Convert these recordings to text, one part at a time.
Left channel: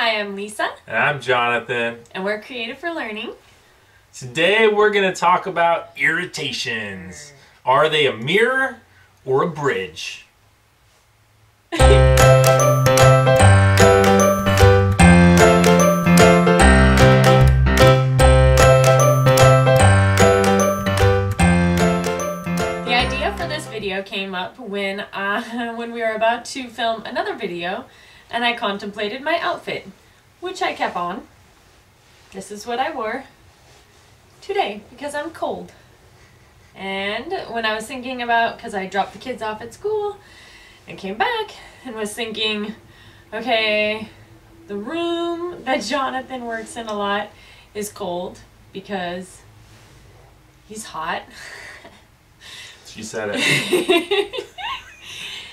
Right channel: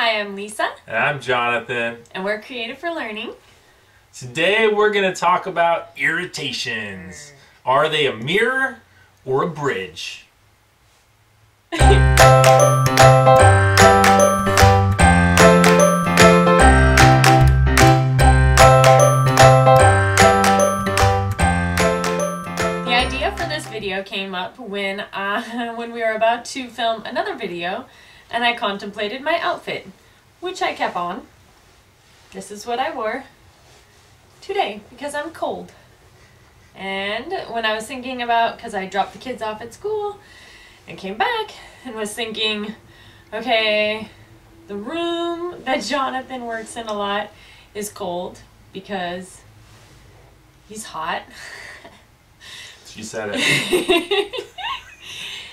Hi, I'm Lisa. And I'm Jonathan. And we're Creative for Learning. Today we're going to talk about irritations. Are they a mirror or a bridge? The idea for this video came up when we were about to film another video and I contemplated my outfit, which I kept on. This is what I wore today because I'm cold. And when I was thinking about, because I dropped the kids off at school and came back and was thinking, okay, the room that Jonathan works in a lot is cold because he's hot. She said it.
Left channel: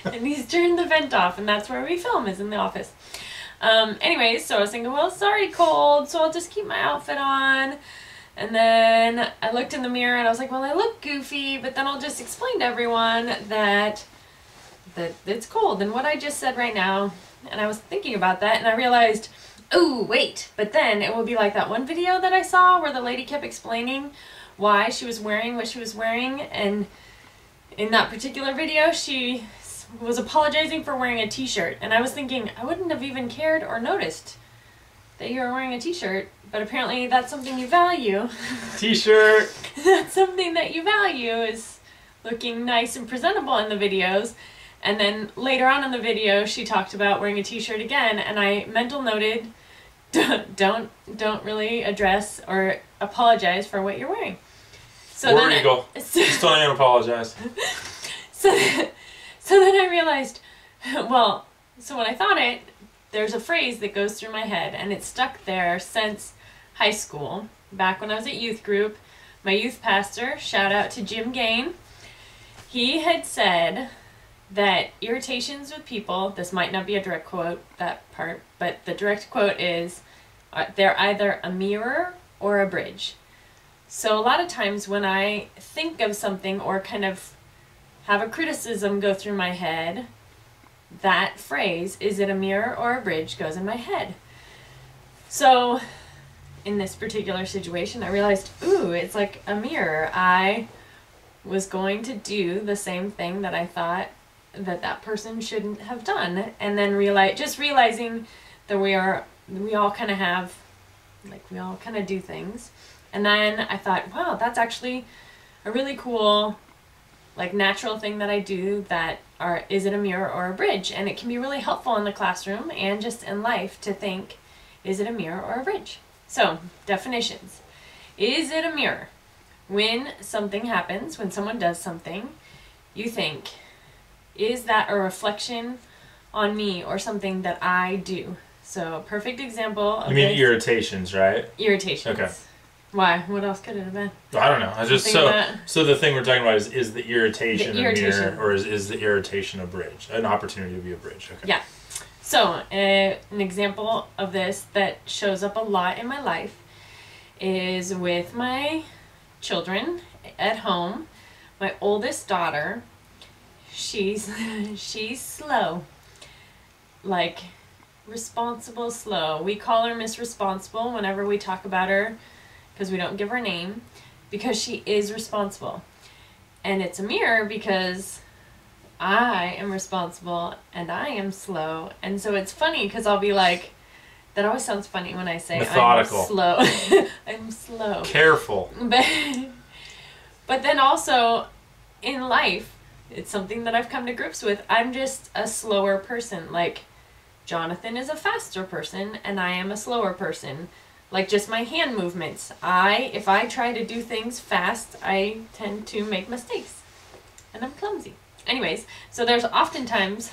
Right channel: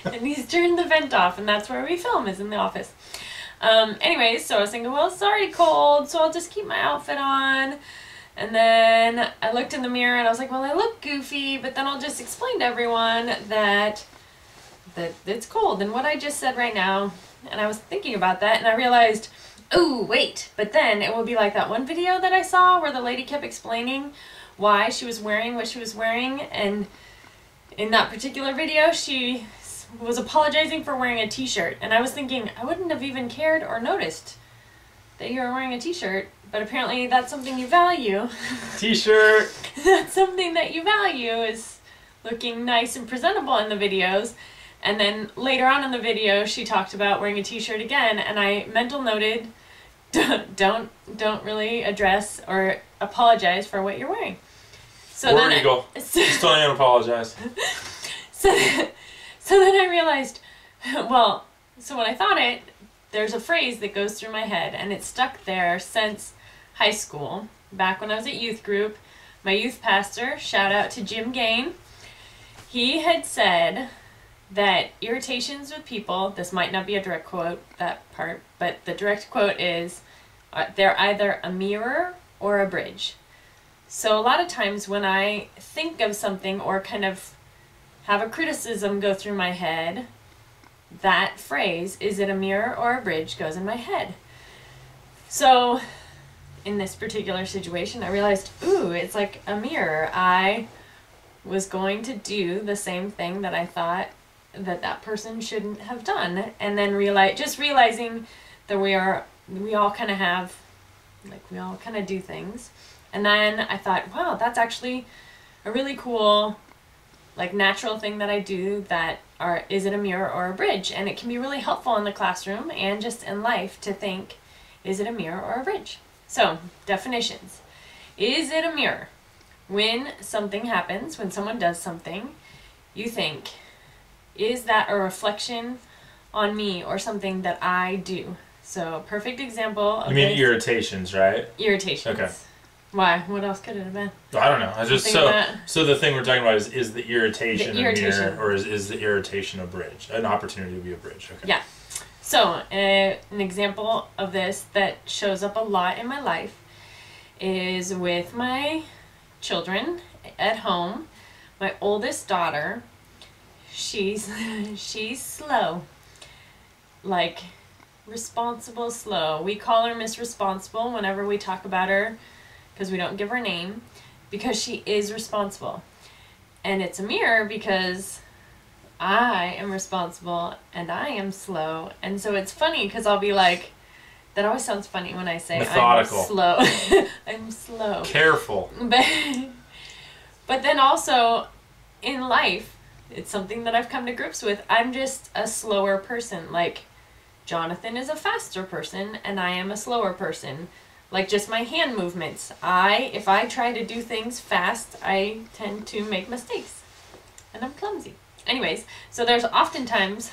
And he's turned the vent off, and that's where we film, is in the office. Anyways, so I was thinking, well, it's already cold, so I'll just keep my outfit on. And then I looked in the mirror and I was like, well, I look goofy, but then I'll just explain to everyone that it's cold and what I just said right now. And I was thinking about that and I realized, oh, wait, but then it will be like that one video that I saw where the lady kept explaining why she was wearing what she was wearing. And in that particular video, she was apologizing for wearing a t-shirt. And I was thinking, I wouldn't have even cared or noticed that you were wearing a t-shirt, but apparently that's something you value. T-shirt! That's something that you value, is looking nice and presentable in the videos. And then later on in the video, she talked about wearing a t-shirt again, and I mental noted, don't really address or apologize for what you're wearing. So War Eagle. Still don't even apologize. So then I realized, well, so when I thought it, there's a phrase that goes through my head, and it's stuck there since high school. Back when I was at youth group, my youth pastor, shout out to Jim Gain, he had said that irritations with people, this might not be a direct quote, that part, but the direct quote is, they're either a mirror or a bridge. So a lot of times when I think of something or kind of have a criticism go through my head, that phrase, is it a mirror or a bridge, goes in my head. So in this particular situation, I realized, ooh, it's like a mirror. I was going to do the same thing that I thought that person shouldn't have done. And then realizing that we all kind of have, like, we all kind of do things. And then I thought, wow, that's actually a really cool, like, natural thing that I do, that is it a mirror or a bridge? And it can be really helpful in the classroom and just in life to think, is it a mirror or a bridge? So, definitions. Is it a mirror? When something happens, when someone does something, you think, is that a reflection on me or something that I do? So, perfect example of You mean irritations, right? Irritations. Okay. Why? What else could it have been? I don't know. I just so the thing we're talking about is the irritation a mirror, or is the irritation a bridge? An opportunity to be a bridge. Okay. Yeah. So, an example of this that shows up a lot in my life is with my children at home. My oldest daughter, she's slow. Like, responsible slow. We call her Miss Responsible whenever we talk about her, because we don't give her a name, because she is responsible. And it's a mirror because I am responsible and I am slow. And so it's funny because I'll be like, that always sounds funny when I say methodical. I'm slow. I'm slow. Careful. But then also in life, it's something that I've come to grips with. I'm just a slower person. Like, Jonathan is a faster person and I am a slower person. Like, just my hand movements. If I try to do things fast, I tend to make mistakes. And I'm clumsy. Anyways, so there's oftentimes,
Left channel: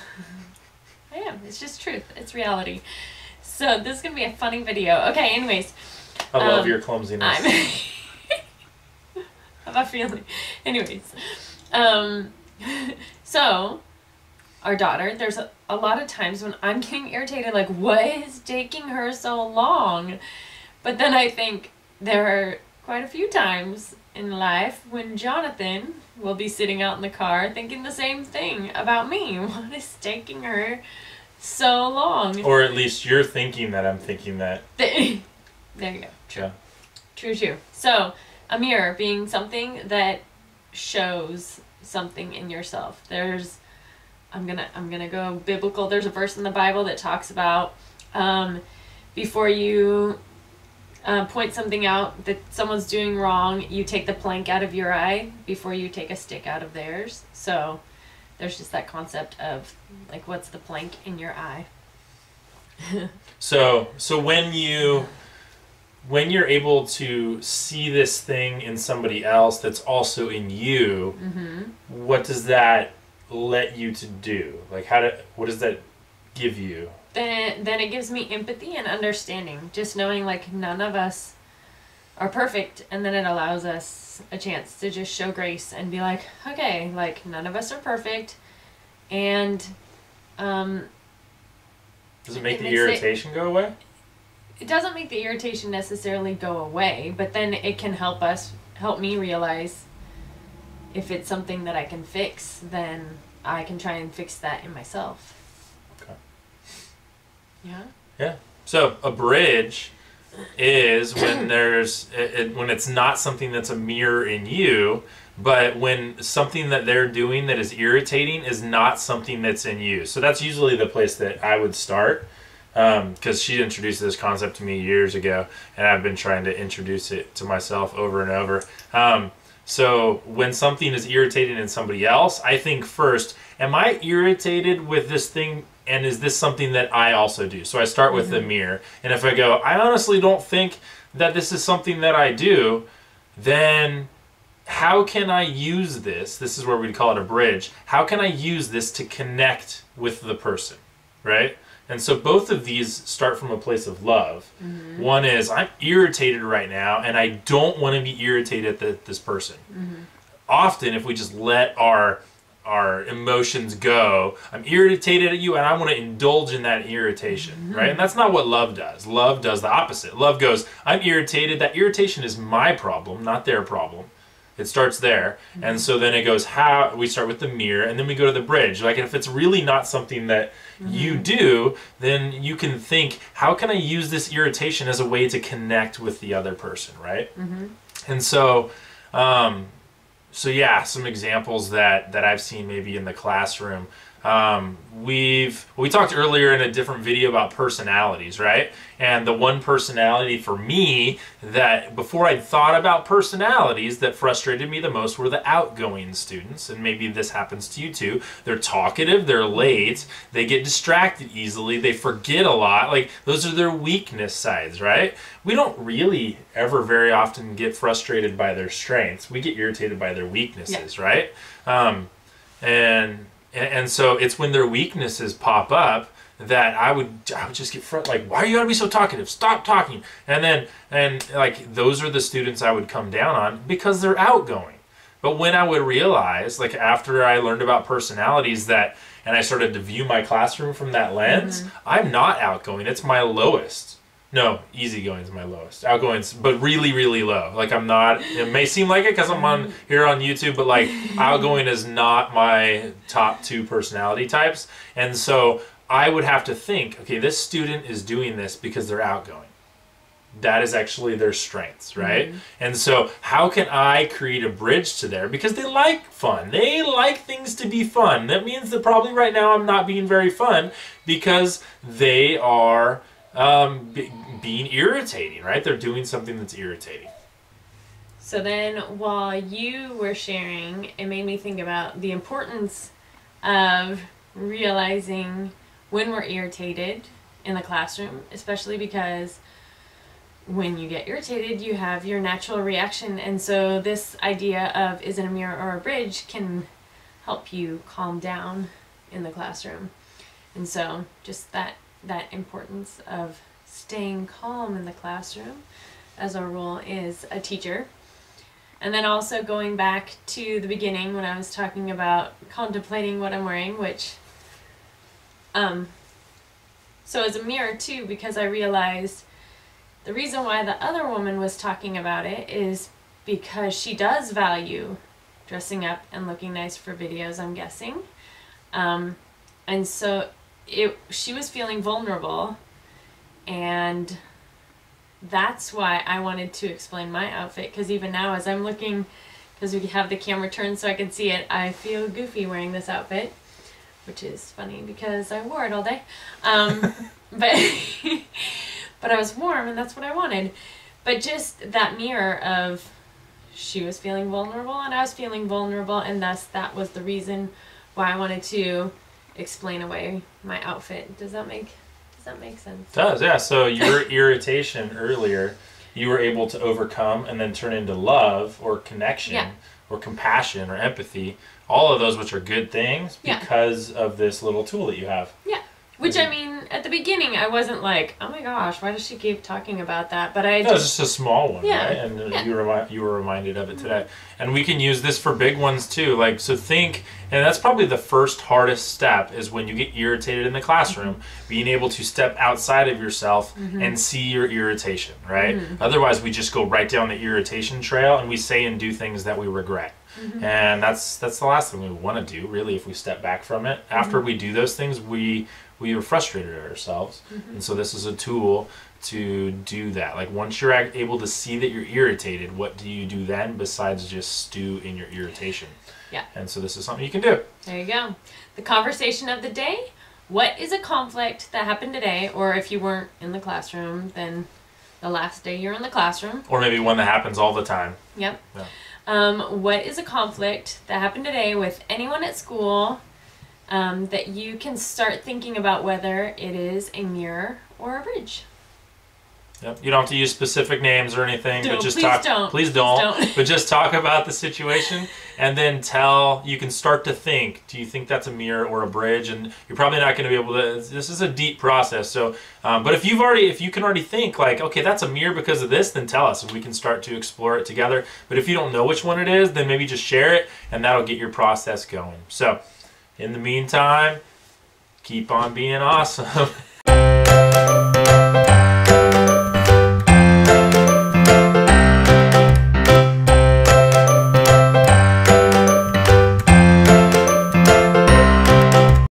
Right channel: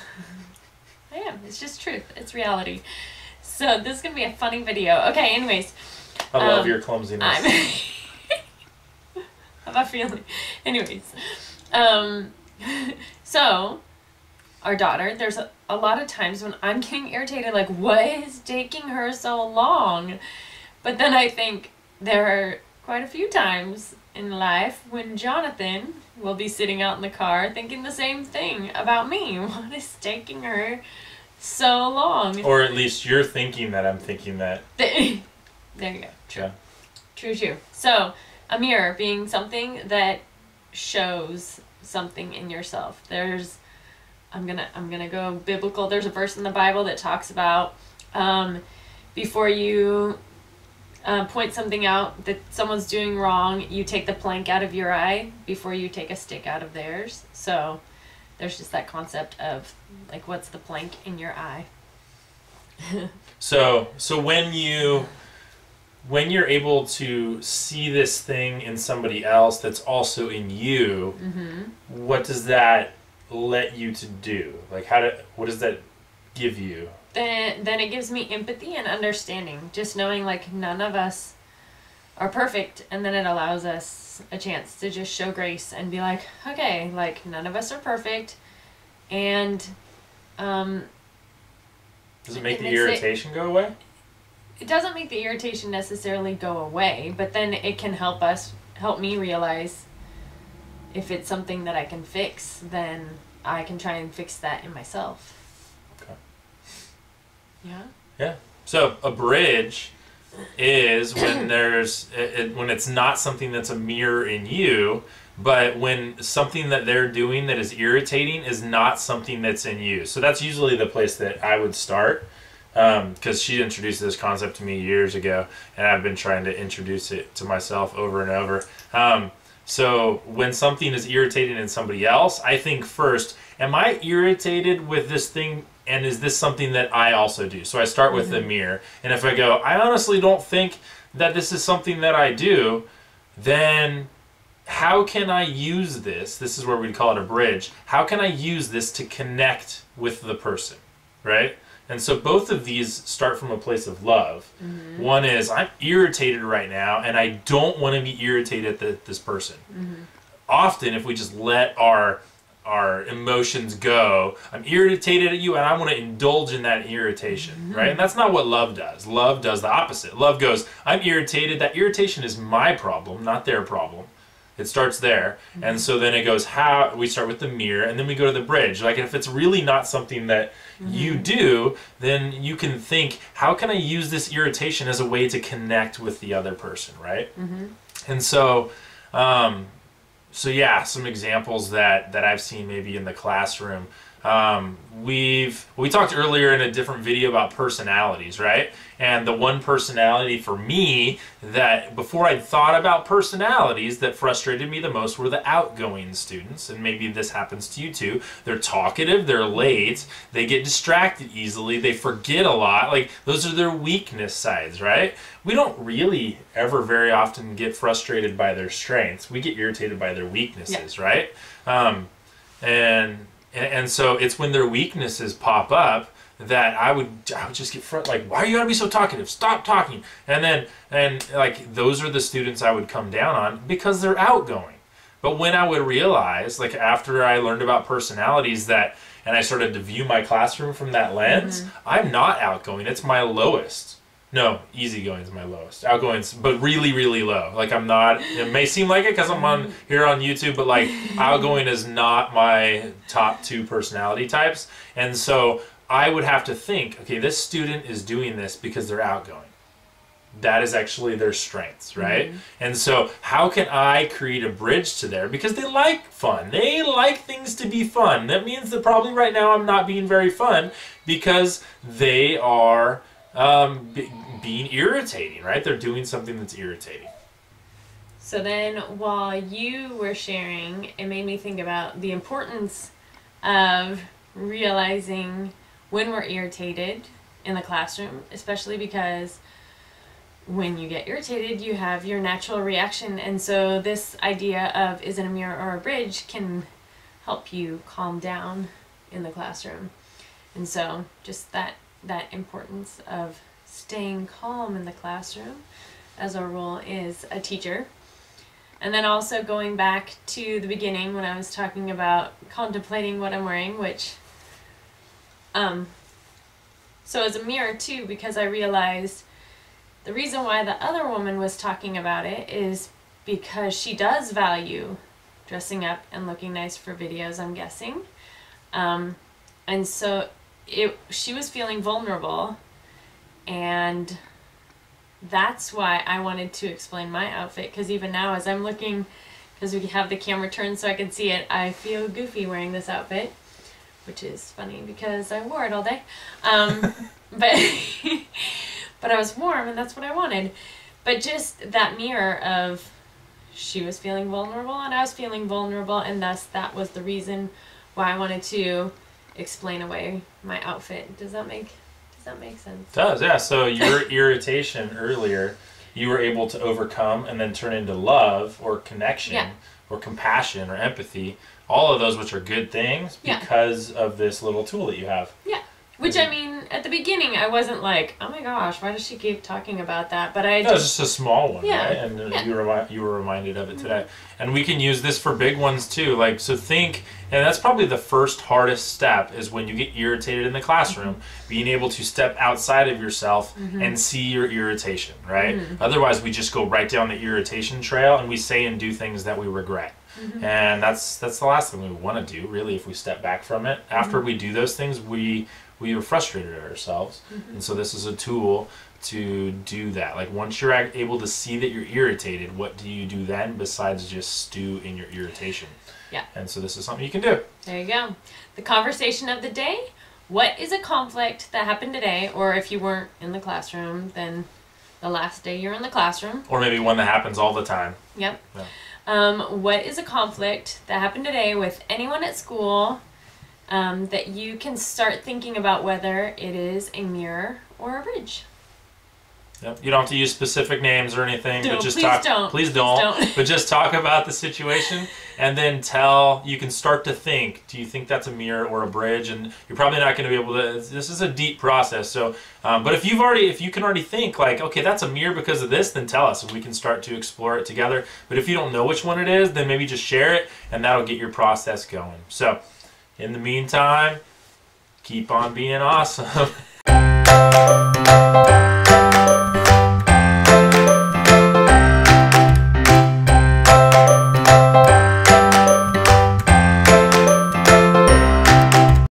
I am. It's just truth. It's reality. So this is going to be a funny video. Okay, anyways. I love your clumsiness. How about feeling? Anyways. So, our daughter, there's a lot of times when I'm getting irritated, like, what is taking her so long? But then I think there are quite a few times in life when Jonathan will be sitting out in the car thinking the same thing about me. What is taking her so long. Or at least you're thinking that I'm thinking that. There you go. True. Yeah. True. So, a mirror being something that shows something in yourself. I'm gonna go biblical. There's a verse in the Bible that talks about before you point something out that someone's doing wrong, you take the plank out of your eye before you take a stick out of theirs. So there's just that concept of like, what's the plank in your eye? So when you're able to see this thing in somebody else that's also in you, what does that let you to do? Like, what does that give you? Then it gives me empathy and understanding. Just knowing like none of us are perfect, and then it allows us a chance to just show grace and be like, okay, like none of us are perfect, and does it make the irritation go away? It doesn't make the irritation necessarily go away, but then it can help me realize if it's something that I can fix, then I can try and fix that in myself. Okay. Yeah? Yeah. So a bridge is when when it's not something that's a mirror in you, but when something that they're doing that is irritating is not something that's in you. So that's usually the place that I would start. Because she introduced this concept to me years ago, and I've been trying to introduce it to myself over and over. So when something is irritating in somebody else, I think first, am I irritated with this thing, and is this something that I also do? So I start with the mirror, and if I go, I honestly don't think that this is something that I do, then how can I use this? This is where we'd call it a bridge. How can I use this to connect with the person, right? And so both of these start from a place of love. One is, I'm irritated right now, and I don't want to be irritated at this person. Often, if we just let our emotions go, I'm irritated at you, and I want to indulge in that irritation, right? And that's not what love does. Love does the opposite. Love goes, I'm irritated. That irritation is my problem, not their problem. It starts there. And so then it goes, we start with the mirror, and then we go to the bridge. Like, if it's really not something that you do, then you can think, how can I use this irritation as a way to connect with the other person, right? And so, yeah, some examples that I've seen maybe in the classroom. We talked earlier in a different video about personalities, right? And the one personality for me that before I'd thought about personalities that frustrated me the most were the outgoing students. And maybe this happens to you too. They're talkative, they're late, they get distracted easily, they forget a lot. Like, those are their weakness sides, right? We don't really ever very often get frustrated by their strengths. We get irritated by their weaknesses, right? And so it's when their weaknesses pop up that I would just get like, why are you gotta be so talkative? Stop talking. And like, those are the students I would come down on because they're outgoing. But when I would realize, like, after I learned about personalities and I started to view my classroom from that lens, I'm not outgoing. It's my lowest. No, easygoing is my lowest. Outgoing's, but really, really low. Like, I'm not, it may seem like it because I'm here on YouTube, but like, outgoing is not my top 2 personality types. And so I would have to think, okay, this student is doing this because they're outgoing. That is actually their strengths, right? And so how can I create a bridge to there? Because they like fun. They like things to be fun. That means that probably right now I'm not being very fun because they are being irritating, right? They're doing something that's irritating. So then while you were sharing, it made me think about the importance of realizing when we're irritated in the classroom, especially because when you get irritated, you have your natural reaction. And so this idea of, is it a mirror or a bridge, can help you calm down in the classroom. And so just that importance of staying calm in the classroom as our role is a teacher. And then also going back to the beginning when I was talking about contemplating what I'm wearing, which so as a mirror too, because I realized the reason why the other woman was talking about it is because she does value dressing up and looking nice for videos, I'm guessing. And so she was feeling vulnerable, and that's why I wanted to explain my outfit, because even now as I'm looking, because we have the camera turned so I can see it, I feel goofy wearing this outfit, which is funny because I wore it all day. But but I was warm, and that's what I wanted. But just that mirror of she was feeling vulnerable and I was feeling vulnerable, and thus that was the reason why I wanted to explain away my outfit. Does that make sense? It does, yeah. So your irritation earlier, you were able to overcome and then turn into love or connection, yeah, or compassion or empathy. All of those, which are good things, because of this little tool that you have. Yeah. Which, I mean, at the beginning, I wasn't like, oh my gosh, why does she keep talking about that? But it's just a small one, yeah, right? And you were reminded of it today. And we can use this for big ones too. Like, so think, and that's probably the first hardest step, is when you get irritated in the classroom, being able to step outside of yourself and see your irritation, right? Otherwise, we just go right down the irritation trail and we say and do things that we regret. And that's the last thing we want to do, really, if we step back from it. After we do those things, we are frustrated at ourselves. And so this is a tool to do that. Like, once you're able to see that you're irritated, what do you do then besides just stew in your irritation? Yeah. And so this is something you can do. There you go. The conversation of the day. What is a conflict that happened today? Or if you weren't in the classroom, then the last day you're in the classroom. Or maybe one that happens all the time. Yep. Yeah. What is a conflict that happened today with anyone at school, that you can start thinking about whether it is a mirror or a bridge? Yep. You don't have to use specific names or anything, but just Please don't. But just talk about the situation, and then you can start to think, do you think that's a mirror or a bridge? And you're probably not going to be able to, this is a deep process. So, but if you can already think like, okay, that's a mirror because of this, then tell us and we can start to explore it together. But if you don't know which one it is, then maybe just share it and that'll get your process going. So in the meantime, keep on being awesome.